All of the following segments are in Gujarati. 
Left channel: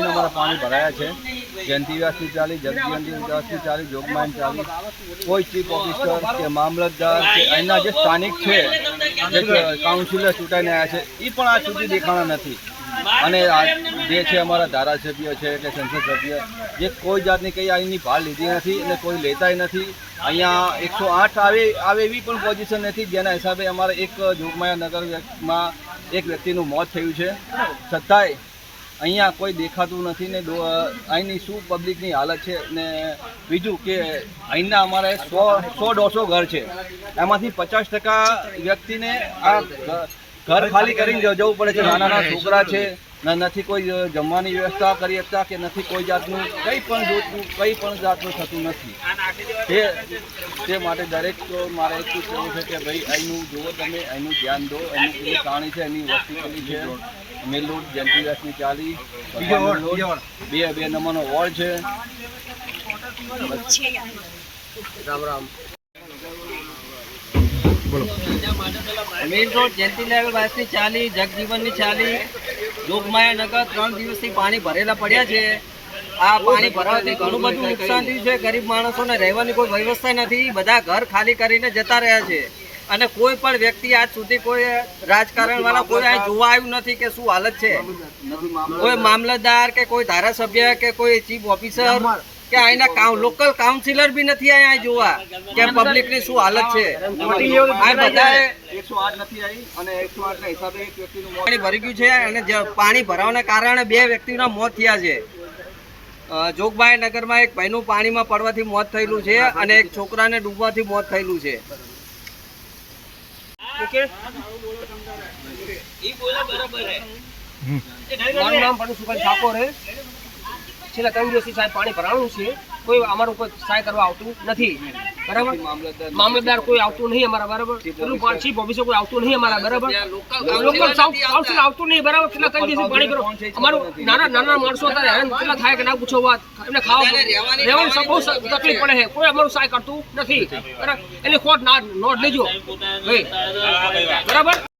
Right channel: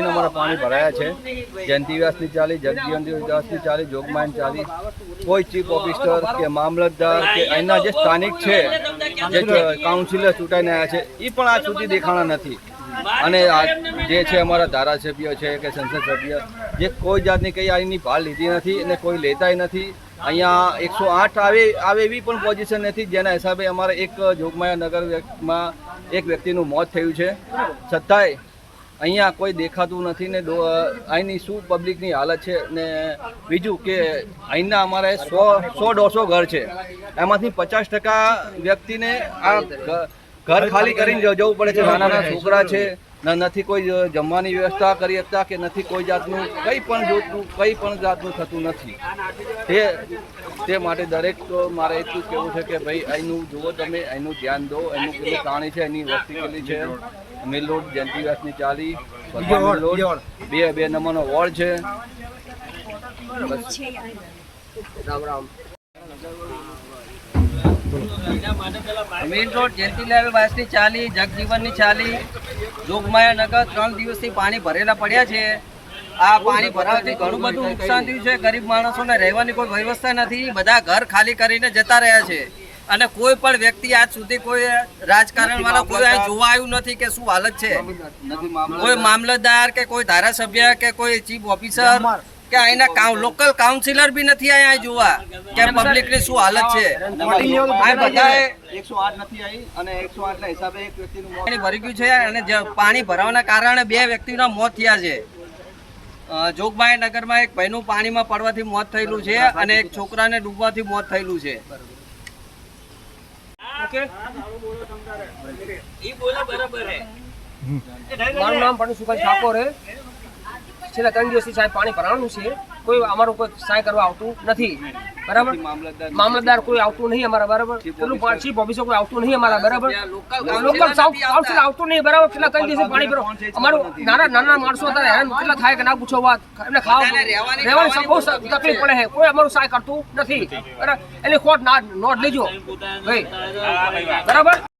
અમારા પાણી ભરાયા છે. જયંતિ વ્યાસની ચાલી જગજયંતિ વ્યાસની ચાલી જોગમાન ચાલી. કોઈ ચીફ ઓફિસર કે મામલતદાર કે અહીંના જે સ્થાનિક છે, જે કાઉન્સિલર ચૂંટાઈને આવ્યા છે એ પણ આજ સુધી દેખાણા નથી. અને આ જે છે અમારા ધારાસભ્ય છે કે સંસદ સભ્ય, જે કોઈ જાતની કંઈ અહીંની ભાળ લીધી નથી અને કોઈ લેતાય નથી. અહીંયા એકસો આઠ આવે આવે એવી પણ પોઝિશન નથી જેના હિસાબે અમારે એક જોગમાયા નગરમાં એક વ્યક્તિનું મોત થયું છે. છતાંય અહીંયા કોઈ દેખાતું નથી ને અહીંની શું પબ્લિકની હાલત છે ને બીજું કે અહીંના અમારે સો સો દોઢસો ઘર છે. એમાંથી પચાસ ટકા વ્યક્તિને આ ઘર ખાલી કરીને જવું પડે છે. નાના નાના છોકરા છે. ન- નથી કોઈ જમવાની વ્યવસ્થા કરી શકતા કે નથી કોઈ જાતનું, કંઈ પણ જોતું, કંઈ પણ જાતનું થતું નથી. તે તે માટે દરેક તો મારે એટલું કહેવું છે કે ભાઈ અહીંનું જુઓ તમે, અહીંનું ધ્યાન દો એનું પેલું કાણી છે, એની વસ્તી પેલી છે. મિલ રોડ જયંતિદાસની ચાલી બે બે નંબરનો વોર્ડ છે. મેઇન રોડ જયંતિલાલ વાસની ચાલી જગજીવનની ચાલી. જોગમાયા નગર ત્રણ દિવસથી પાણી ભરેલા પડ્યા છે. આ પાણી ભરાવાથી ઘણું બધું નુકસાન થયું છે. ગરીબ માણસોને રહેવાની કોઈ વ્યવસ્થા નથી. બધા ઘર ખાલી કરીને જતા રહ્યા છે. અને કોઈ પણ વ્યક્તિ આજ સુધી કોઈ રાજકારણ વાળા કોઈ અહીં જોવા આવ્યું નથી કે શું હાલત છે. કોઈ મામલતદાર કે કોઈ ધારાસભ્ય કે કોઈ ચીફ ઓફિસર કે અહીંના લોકલ કાઉન્સિલર બી નથી અહીંયા જોવા કે પબ્લિકની શું હાલત છે. પાણી ભરી ગયું છે અને પાણી ભરાવાના કારણે બે વ્યક્તિના મોત થયા છે. જોગભાઈ જોગબાઈ નગરમાં એક ભાઈનું પાણીમાં પડવાથી મોત થયેલું છે અને એક છોકરાને ડૂબવાથી મોત થયેલું છે. મારું નામ પણ સુભાઈ ઠાકોર હે. છેલ્લા ત્રણ દિવસથી સાહેબ પાણી ભરાવાનું છે. કોઈ અમારું કોઈ સહાય કરવા આવતું નથી. બરાબર? મામલતદાર કોઈ આવતું નહીં અમારા બરાબર? પેલું પાછી ઓફિસર કોઈ આવતું નહીં અમારા બરાબર? લોકલ કાઉન્સિલ આવતું. નહીં બરાબર? કેટલા કઈ દિવસથી પાણી ભરો અમારું નાના નાના માણસો હતા હેરાન કેટલા થાય કે ના પૂછો વાત? એમને ખાવા રહેવાની બહુ તકલીફ પડે છે. કોઈ અમારું સહાય કરતું નથી. બરાબર? એની ખોટ ના નોટ લેજો. ભાઈ. બરાબર?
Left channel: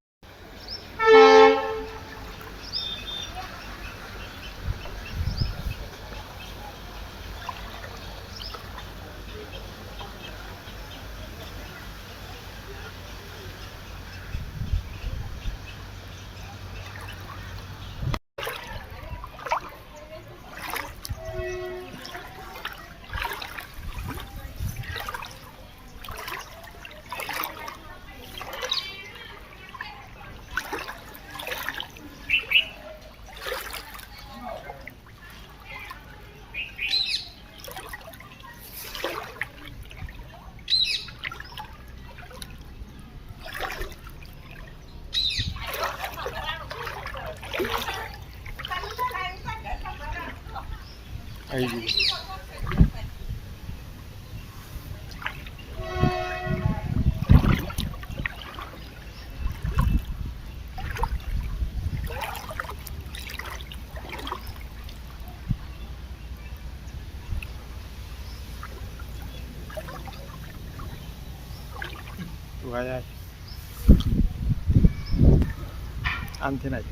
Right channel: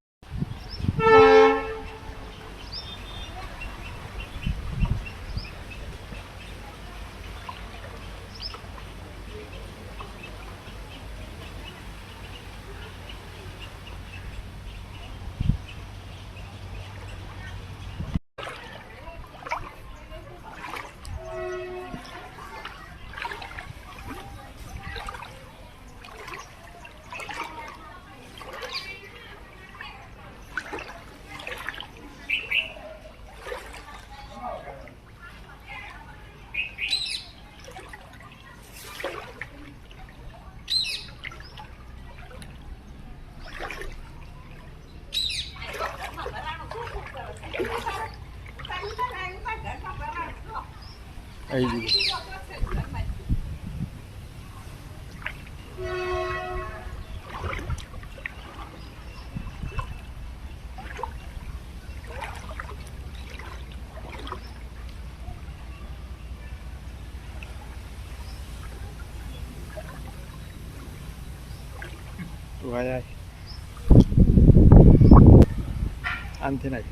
આમથી નહીં પોતા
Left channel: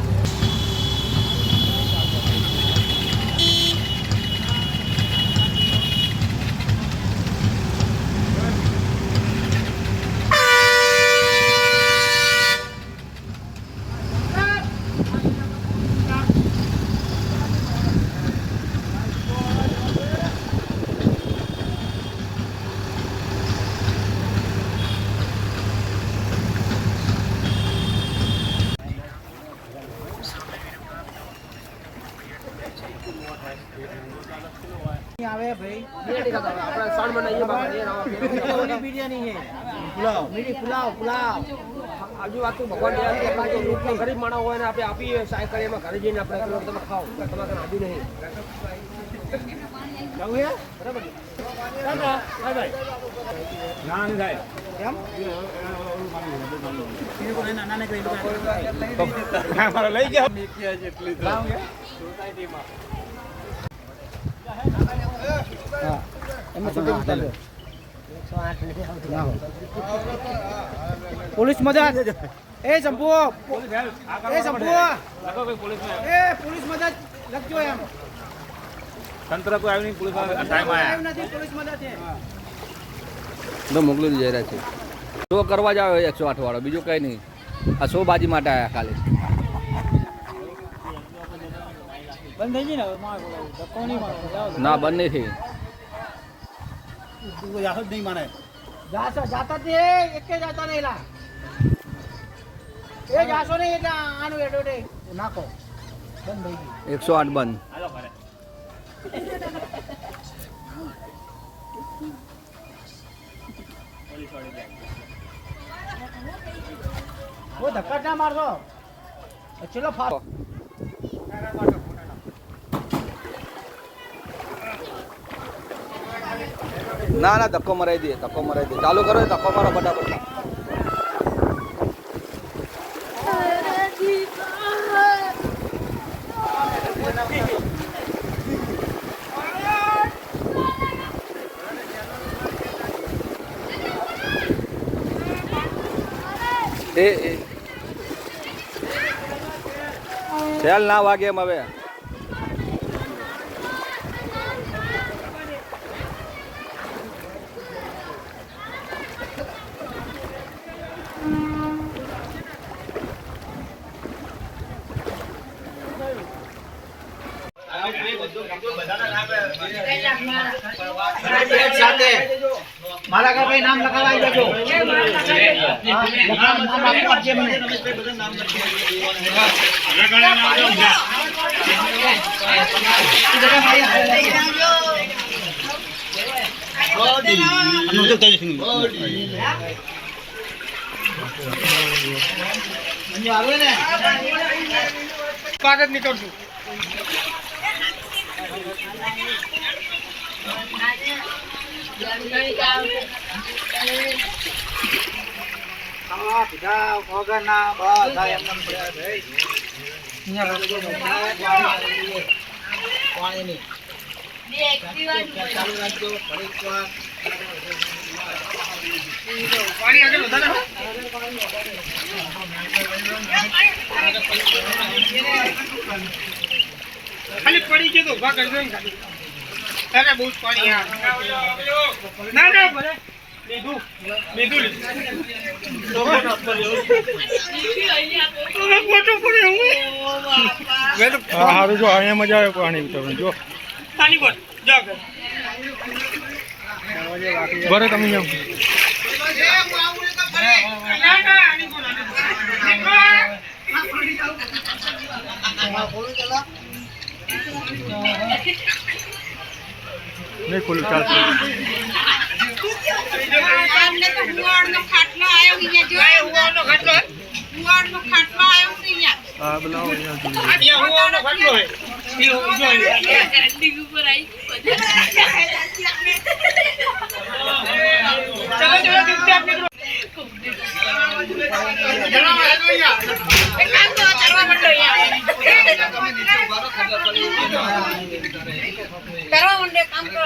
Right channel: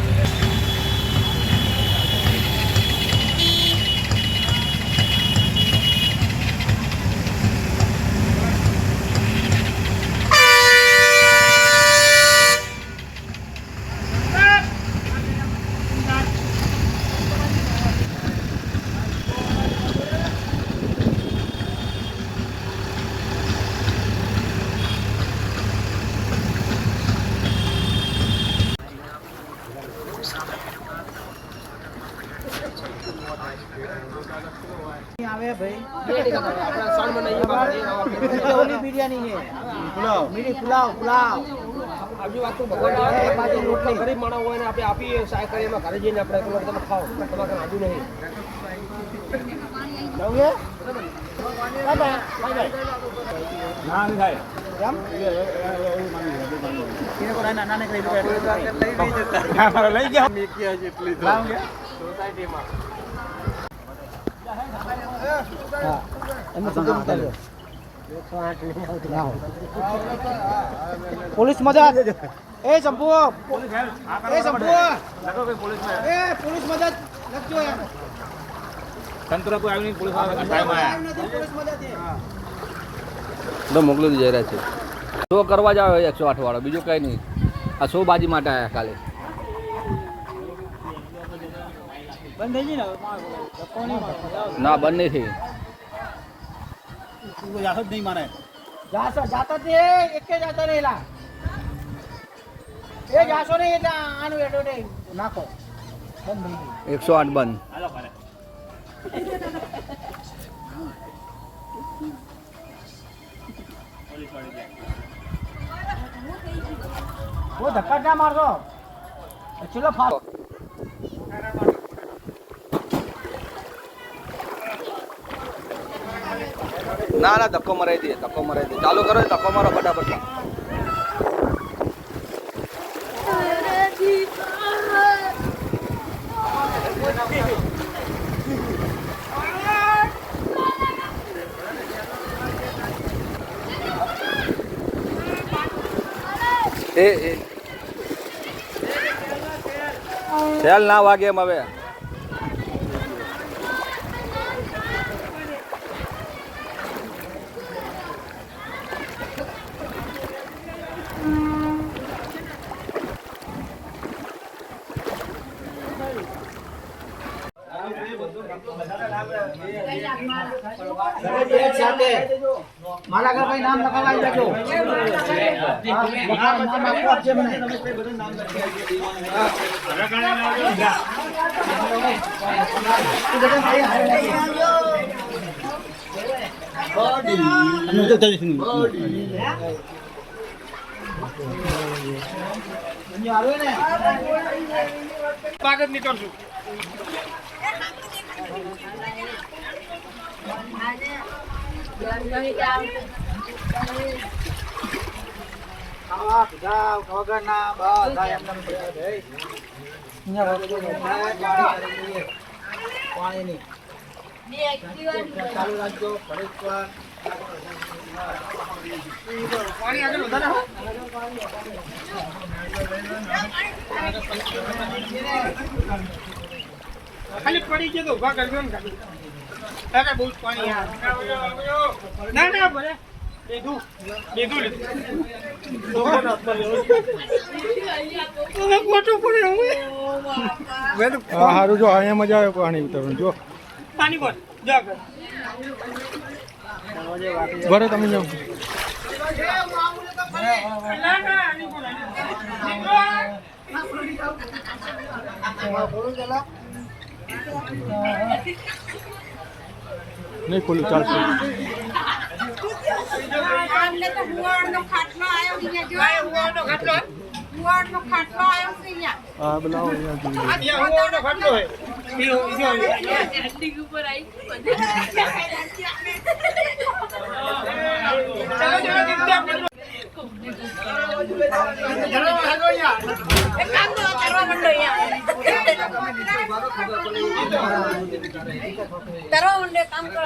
બિરયાની ખાતા હોય. આપણે સણ બનાવીએ બાબા, એ વાત તો ભગવાન. બાકી ગરીબ માણસ હોય ને આપણે આપીએ સાહેબ કરીએ એમાં ઘરે જઈને આપણે તમે ખાઓ. એટલે તમારે આજુ નહીં. પોલીસ મદદ એ ચંપુ. એ ચંપુ. એ પોલીસ મદદ લખજો એમ. તંત્ર કોઈ આવ્યું નહીં? પોલીસ ટાઈમ આવ્યા પોલીસ મદદ છે. તો મોકલી જઈ રહ્યા છે શો કરવા જ આવે એકસો આઠ વાળો? બીજું કઈ નહીં. આ શો બાજી માટે આવ્યા ખાલી. બંધ થઈ ગઈ ને ના બંધ નહીં થઈ. જાતો જ નહીં મારે જાતો જાતો જ એક જાતો નહીં લા. એ જાસો નહીં એટલે આનું એડો નહીં. નાખો. બંધ થઈ ગયું. એકસો આઠ બંધ. ધક્કા ના મારશો. છેલ્લો ફાસ્ટ ના ના, ધક્કો મરાઈ દે ધક્કો મરાઈ દે ચાલુ કરો ધક્કો મારો ફટાફટ. એ સેલ ના વાગે એમ હવે મારા ઘર ભાઈ નામ લખાવાઈ દેજો લખાવ- નામ આપવું પડશે મને કાગળ નીકળશું. ખાવા પીધા વગરના બધા એમને પાણી આગળ વધારે ખાલી પડી ગયો તો ઊભા કરજો ને ખાલી. અરે બહુ જ પાણી ના ના ભલે. લીધું સારું જો, અહીંયા મજા આવે પાણી ઉતરવાનું, જો. બરે તમે જાઓ નહીં ખોલું ચાલશે. અમને તો હુવાડનો ખાટલો આવ્યો અહીંયા જો ખાટલો? હુવાડનો ખાટલો આવ્યો છે અહીંયા. હા બોલાવો અહીંયા જોઈએ અહીંયા ખાટલો હે કરવા માંડે કામ કરો.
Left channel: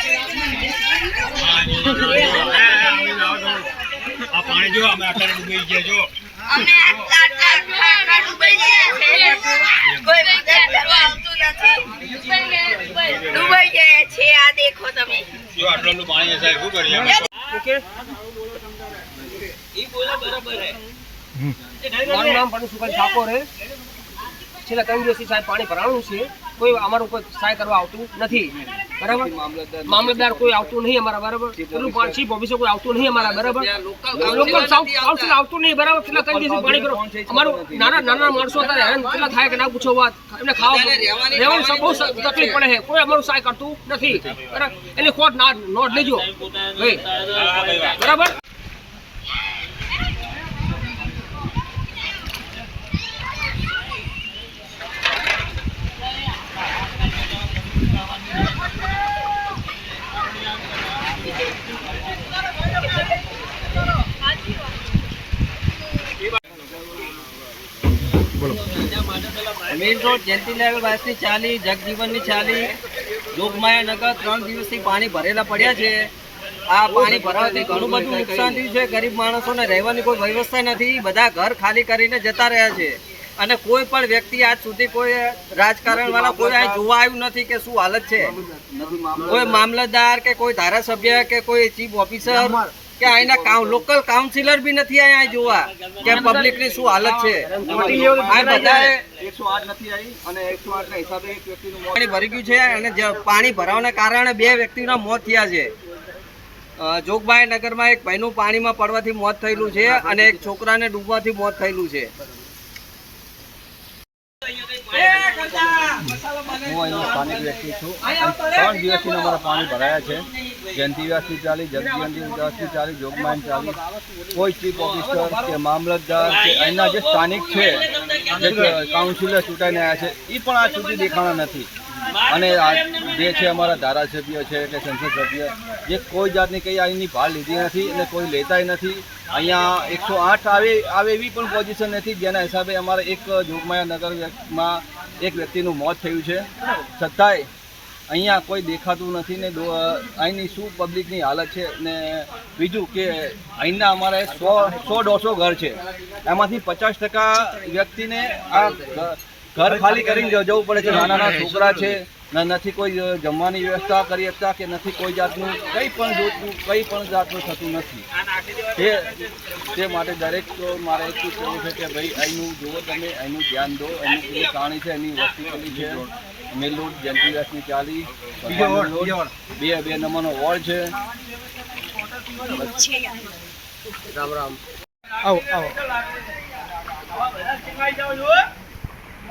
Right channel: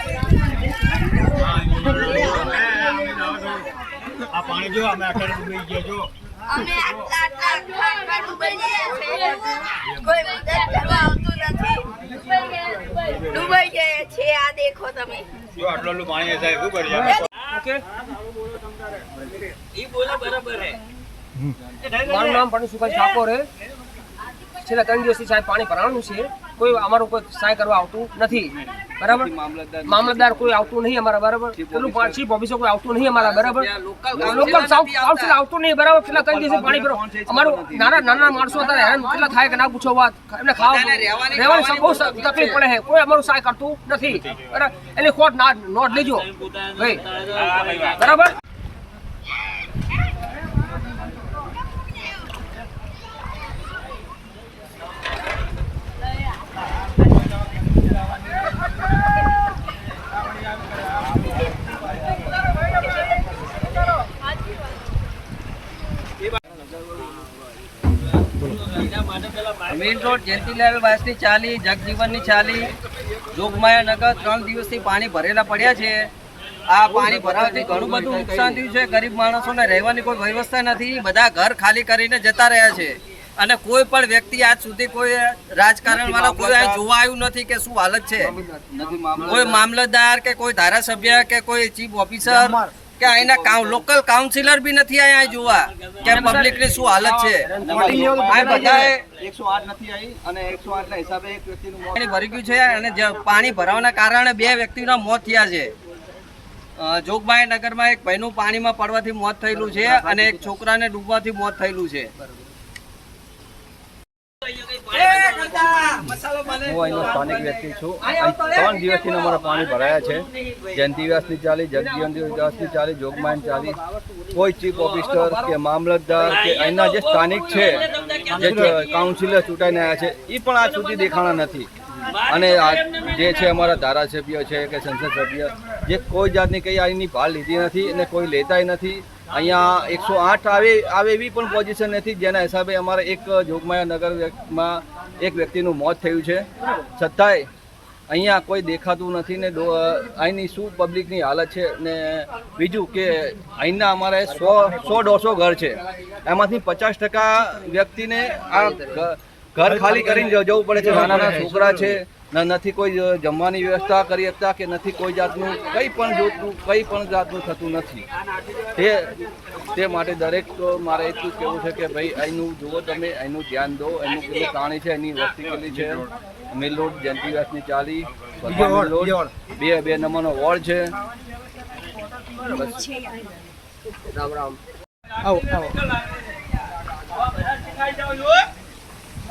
મંગાવડાવી જો અમે આટલા આટલા આટલા આટલા ડૂબાઈ ગયા છે. કોઈ મદદ કરવા આવતું નથી. ડૂબાઈ ગયા છે આ દેખો તમે. ઓકે. મારું નામ પણસુભાઈ ઠાકોર હે છેલ્લા ત્રણ દિવસથી સાહેબ પાણી ભરાવાનું છે. કોઈ અમારું કોઈ સહાય કરવા આવતું નથી. બરાબર? મામલતદાર કોઈ આવતું નહીં અમારા બરાબર? પેલું પા- ચીફ કોઈ આવતું નહીં અમારા બરાબર? લોકલ. કાઉન્સિલ આવતું. નહીં બરાબર? કેટલા ત્રણ દિવસથી પાણી ભરો. અમારું નાના નાના માણસો અત્યારે હેરાન કેટલા થાય કે ના પૂછો વાત? એમને ખાવા રહેવાની, બહુ તકલીફ પડે છે. કોઈ અમારું સહાય કરતું નથી. બરાબર? એની ખોટ ના નોટ લેજો. ભાઈ. બરાબર મેઇન રોડ માણસો ને ગરીબ રહેવાની કોઈ વ્યવસ્થા નથી. બધા ઘર ખાલી કરીને જતા રહ્યા છે. અને કોઈ પણ વ્યક્તિ આજ સુધી કોઈ રાજકારણ વાળા કોઈ અહીં જોવા આવ્યું નથી કે શું હાલત છે. કોઈ મામલતદાર કે કોઈ ધારાસભ્ય કે કોઈ ચીફ ઓફિસર કે અહીંના લોકલ કાઉન્સિલર બી નથી અહીંયા જોવા. કે પબ્લિકની શું હાલત છે. આ બધાએ એકસો આઠ નથી આવી અને એકસો આઠ ના હિસાબે એક વ્યક્તિનું પાણી ભરી ગયું છે અને પાણી ભરાવાના કારણે બે વ્યક્તિના મોત થયા છે. જોગભાઈ નગરમાં એક ભાઈનું પાણીમાં પડવાથી મોત થયેલું છે અને એક છોકરાને ડૂબવાથી મોત થયેલું છે. હું અહીંનો સ્થાનિક વ્યક્તિ છું. ત્રણ દિવસથી અમારા પાણી ભરાયા છે. જયંતિ વ્યાસની ચાલી જગજીવનની વ્યાસની ચાલી જોગમાન ચાલી. કોઈ ચીફ ઓફિસર કે મામલતદાર કે અહીંના જે સ્થાનિક છે જે કાઉન્સિલર ચૂંટાઈને આવ્યા છે એ પણ આજ સુધી દેખાણા નથી. અને આ જે છે અમારા ધારાસભ્ય છે કે સંસદ સભ્ય જે કોઈ જાતની કંઈ અહીંની ભાળ લીધી નથી અને કોઈ લેતાય નથી. અહીંયા એકસો આઠ આવે આવે એવી પણ પોઝિશન નથી. જેના હિસાબે અમારે એક જોગમાયા નગરમાં એક વ્યક્તિનું મોત થયું છે. છતાંય અહીંયા કોઈ દેખાતું નથી ને અહીંની શું પબ્લિકની હાલત છે ને બીજું કે અહીંના અમારે સો સો દોઢસો ઘર છે. એમાંથી પચાસ ટકા વ્યક્તિને આ ઘર ખાલી કરીને જવું પડે છે. નાના નાના છોકરા છે. નથી કોઈ જમવાની વ્યવસ્થા કરી શકતા કે નથી કોઈ જાતનું કંઈ પણ જોતું કંઈ પણ જાતનું થતું નથી. તે તે માટે દરેક તો મારે એટલું કહેવું છે કે ભાઈ અહીંનું જુઓ તમે અહીંનું ધ્યાન દો અહીંનું પેલું પાણી છે એની વસ્તી કેટલી છે. મિલ રોડ ચાલી ભગવાન મિલ રોડ બે બે નંબરનો વોર્ડ છે. રામ રામ.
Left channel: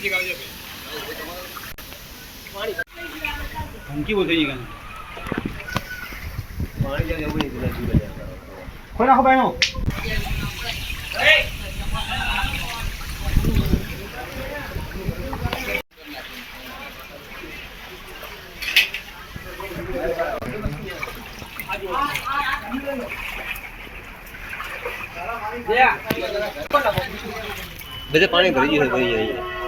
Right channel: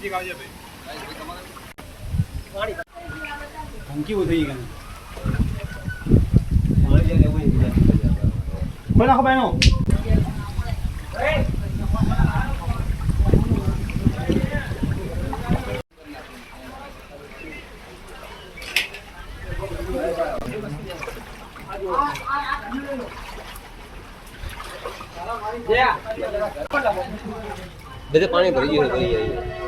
રસોમાં આગળ આગળ રસોમાં બધે પાણી ભરી ગયું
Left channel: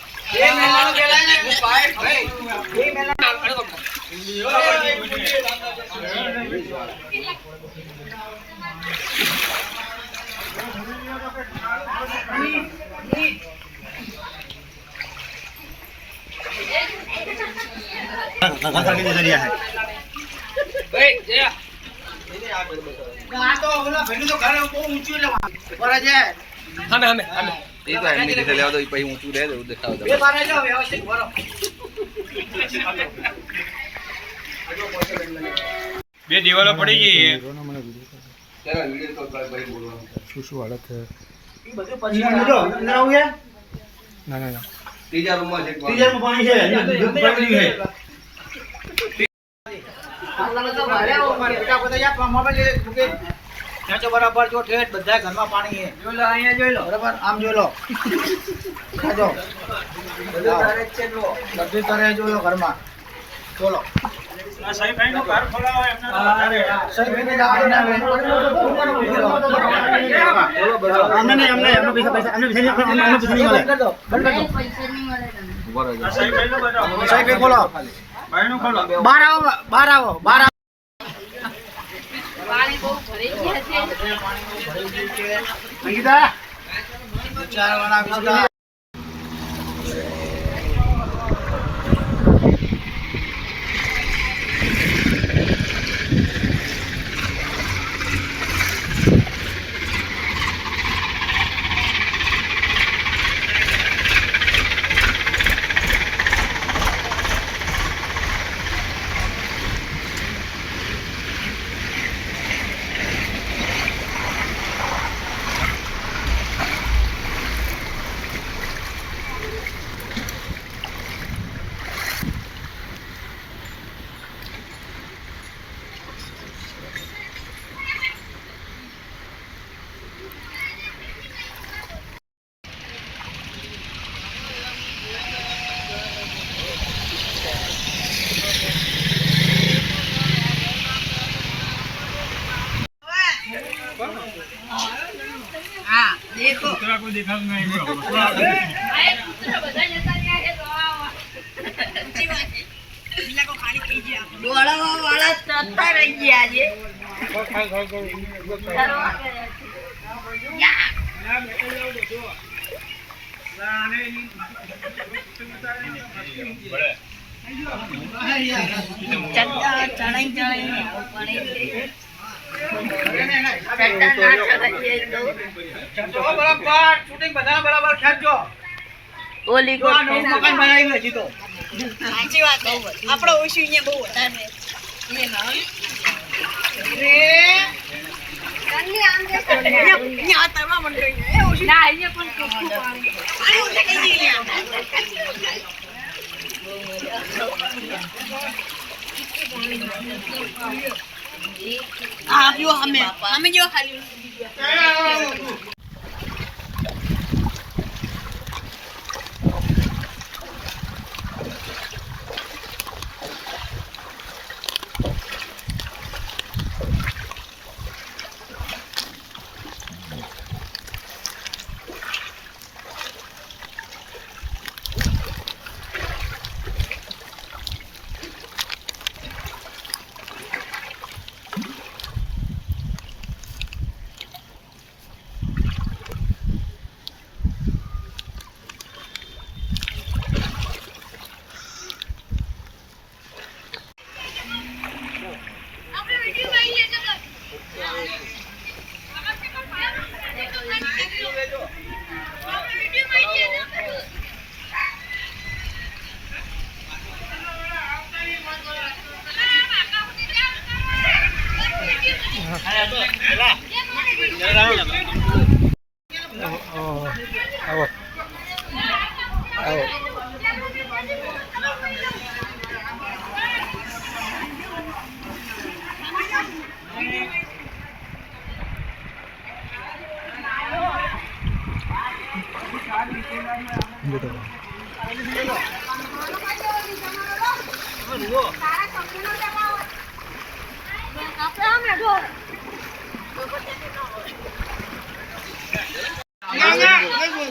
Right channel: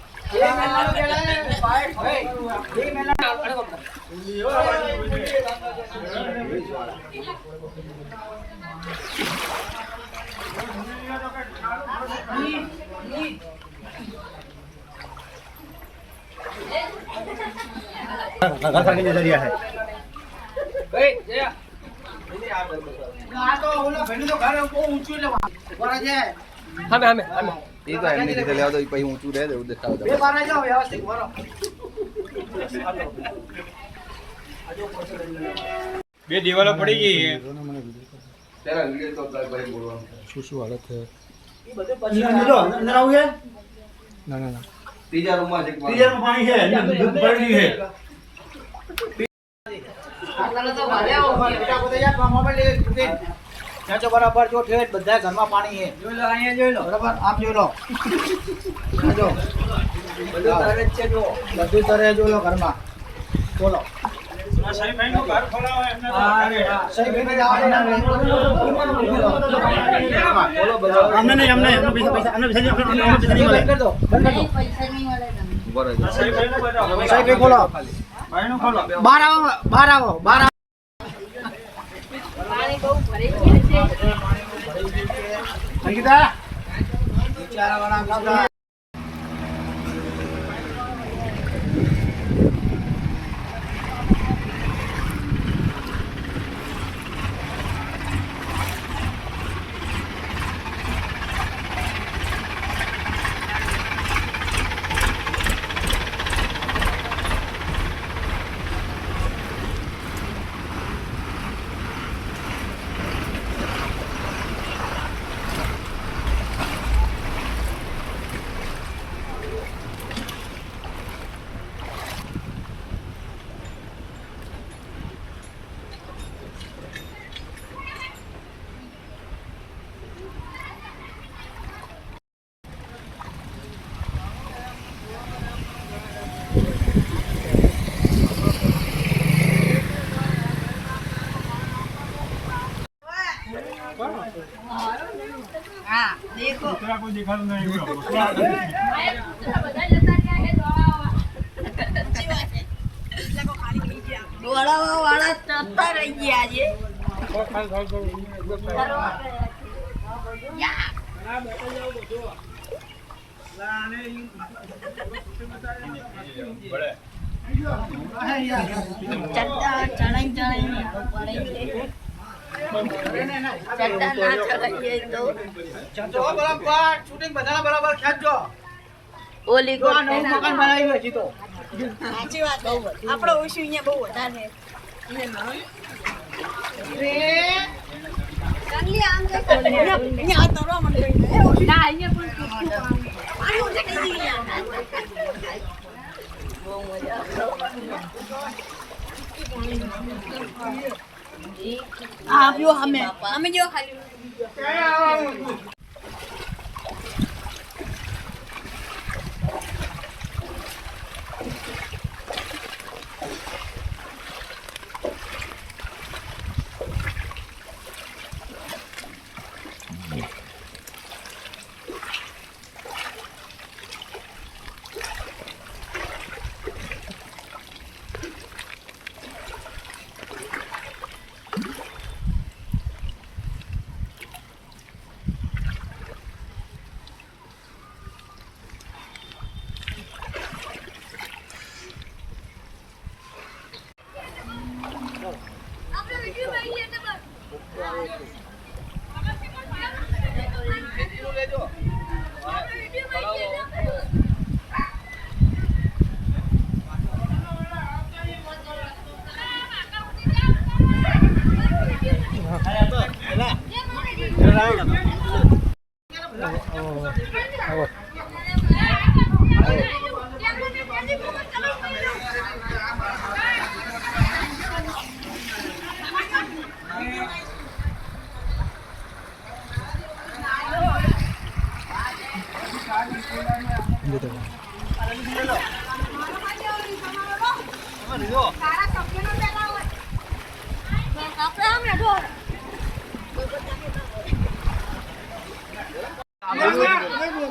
ભાઈ જતા રહે, કરશો જતા રહે આપણું. ભાઈ, જયા. સામે, સામે, સામે. એ તો એમની રીતે લેવા દો એ પછી ઊંચું રહે તો એવું દેખાવ દો બે દિવાલો પડી ગઈ. છે. ત્યારે વીડિયો કોલ પર પછી બોલવાનું ત્રીજા રૂમમાં છે બરાબર જો ઠેઠ બધા ઘરમાં પાણી છે. જોઈ લો અહીંયા જોઈ લો. બરાબર? આમ જોઈ લો. જો બધું તારે છે જો બધું કરે જોઈ લો ઘરમાં. બોલો. સહી કરીને જવા દો ને હવે. અમને નહીં, અમને, અમને પૈસા, પૈસા, અમને પૈસા નહીં, અમને પૈસા નહીં મળે. બંધ કરી દો. ઊભા રહેજો. સહી ભાઈ ખોલો. બહાર આવો બહાર આવો બહાર આવો. પાણી બહુ ભરે છે. અંકિતા? સાચી વાત છે. દોડાવવા વાળા જતા રહી ગયા છે ડરવા કર્યા ઓલી સાચી વાત આપણો ઓછું અહીંયા બહુ વધારે અહીંયા તરવા હા જો અમે અમે જો ખાલી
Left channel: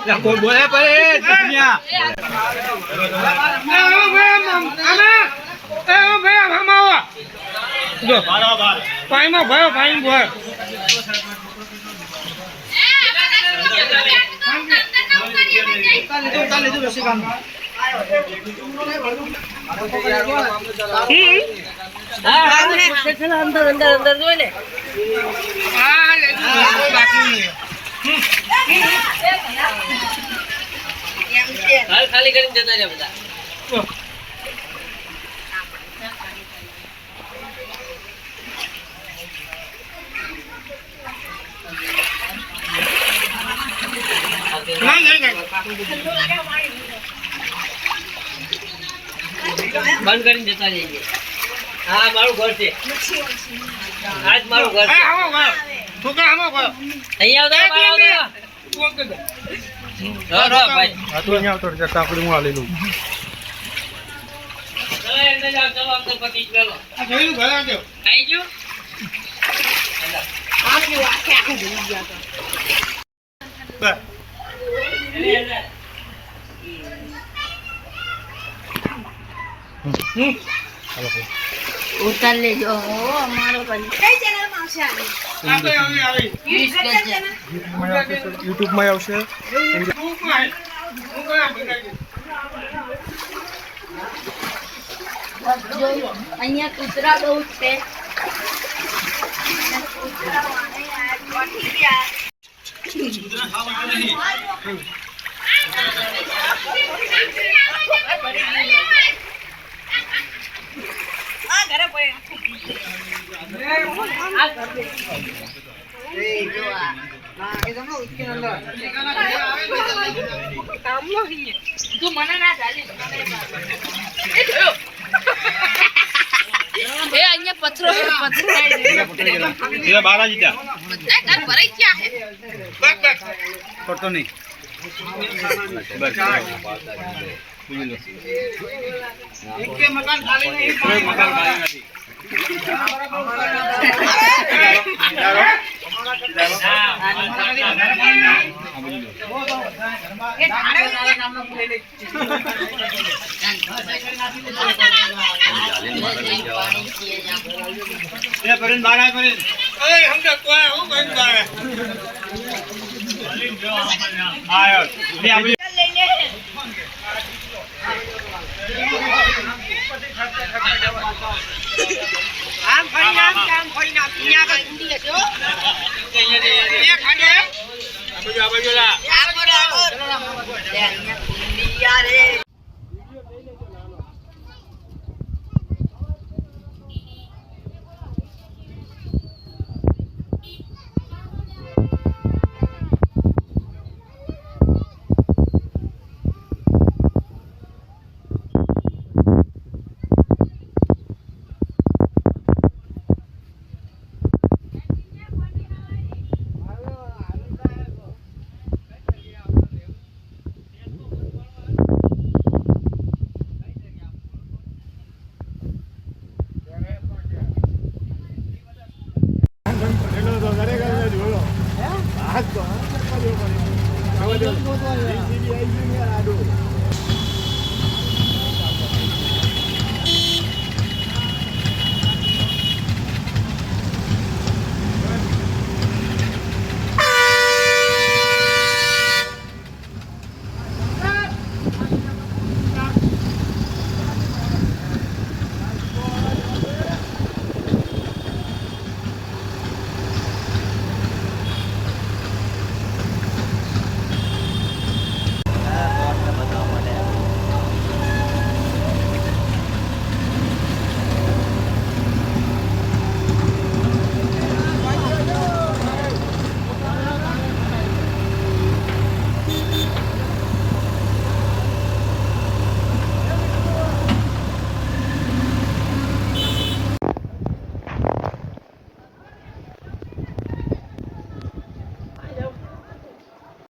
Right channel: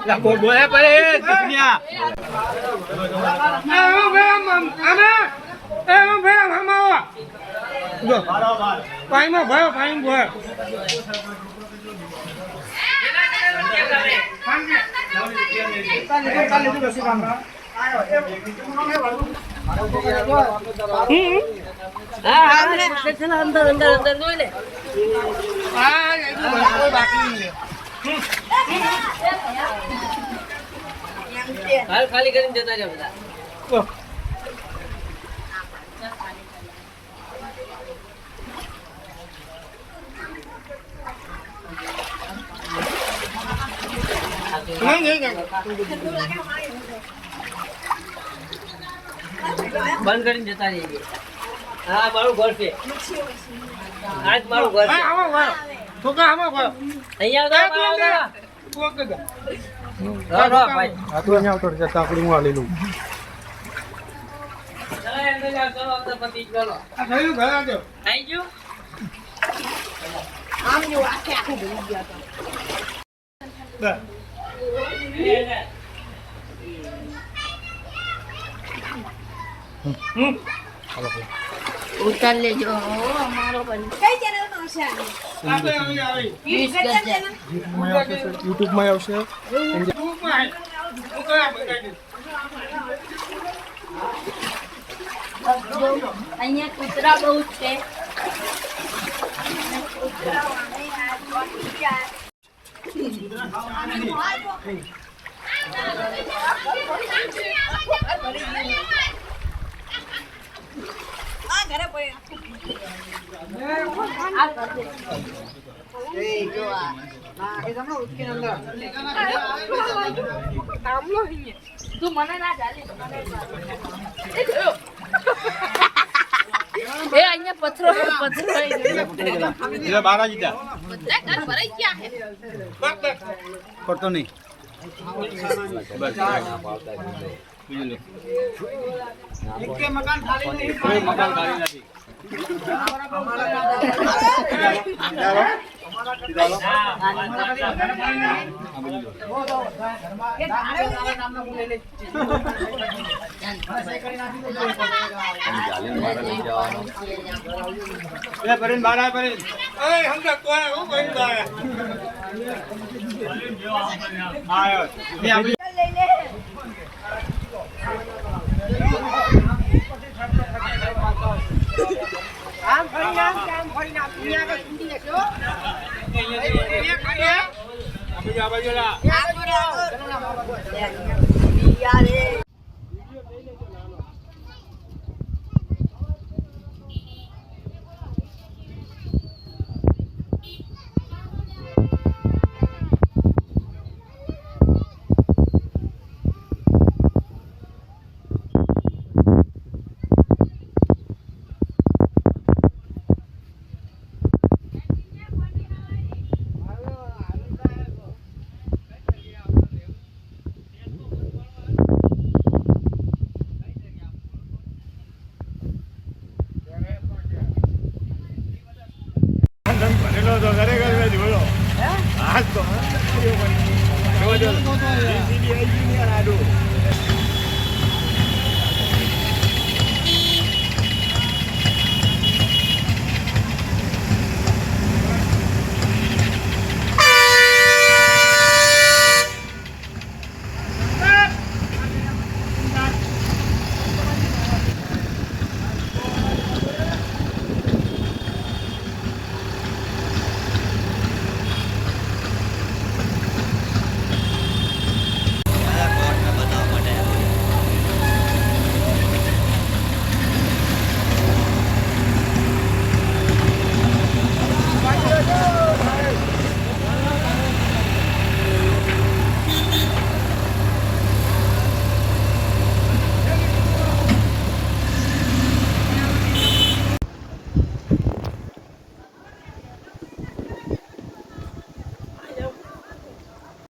કોઈ બોલે પડે પાણીમાં ભયો પાણી ભયો અંદર અંદર અંદર જોઈ લે બાકી ખાલી કરીને જતા રહ્યા બધા. બંધ કરીને જતા રહીએ. હા, મારું ઘર છે. આજ મારું ઘર છે. અહીંયા આવતા બહાર આવતા રહો, રહો, ભાઈ. ચલો, અંદર જાઓ, ચલો, અંદર પતિ ચલો. આઈ ગયું? ઉતાર લેજો અમારો કઈ આવી વીસ ગજ્જર. યુટ્યુબમાં આવશે ચોંટી આવશે આ ઘરે પડ્યા. આ ઘરે. હિંગે. તું મને ના ચાલે એ અહીંયા પથરો પથરો. બાલાજી જા ભરાઈ ગયા હે. પડતો નહીં. મકાન ખાલી બાર આય પરેન આયો ને આવી લઈ લે પેલો